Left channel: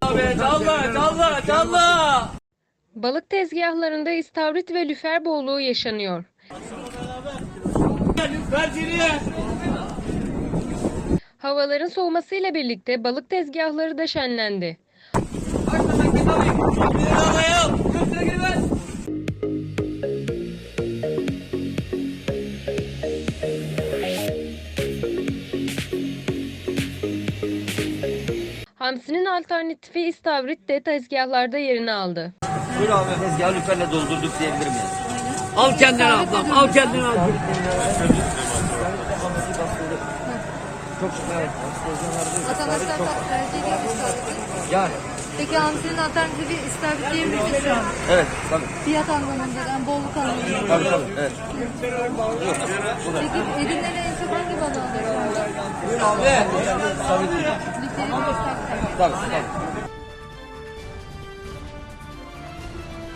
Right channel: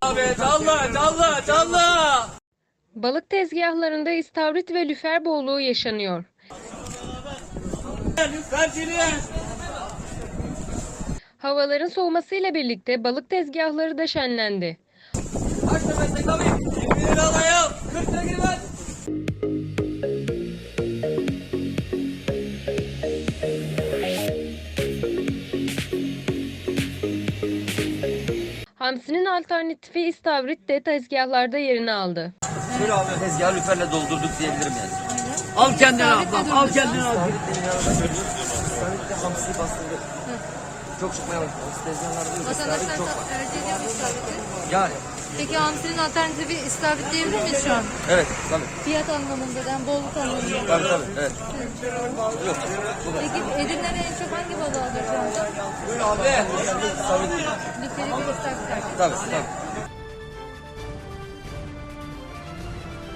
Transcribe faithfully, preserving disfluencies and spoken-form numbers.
Abi canlı canlı canlı. Balık tezgahlarında istavrit ve lüfer bolluğu yaşanıyor. Havaların soğumasıyla birlikte balık tezgahları da şenlendi. Hamsinin alternatifi istavrit de tezgahlarda yerini aldı. Buyur abi. Tezgahı lüferle doldurduk diyebilirim yani. Al kendine ablam, al kendine al. Çok şükür. Vatandaşlar Çok. hareket ediyor mu? Yani. Peki hamsinin alternatifi istavrit diyebilir miyiz şu an? Evet tabii. Fiyat anlamında, yani bolluk anlamında. Tabii tabii. Evet. Yok. Bu da. Peki Edirne'de en çok hangi balığı alıyorsunuz? Abi. Tabii. Literi bir istavrit. Tabii tabii.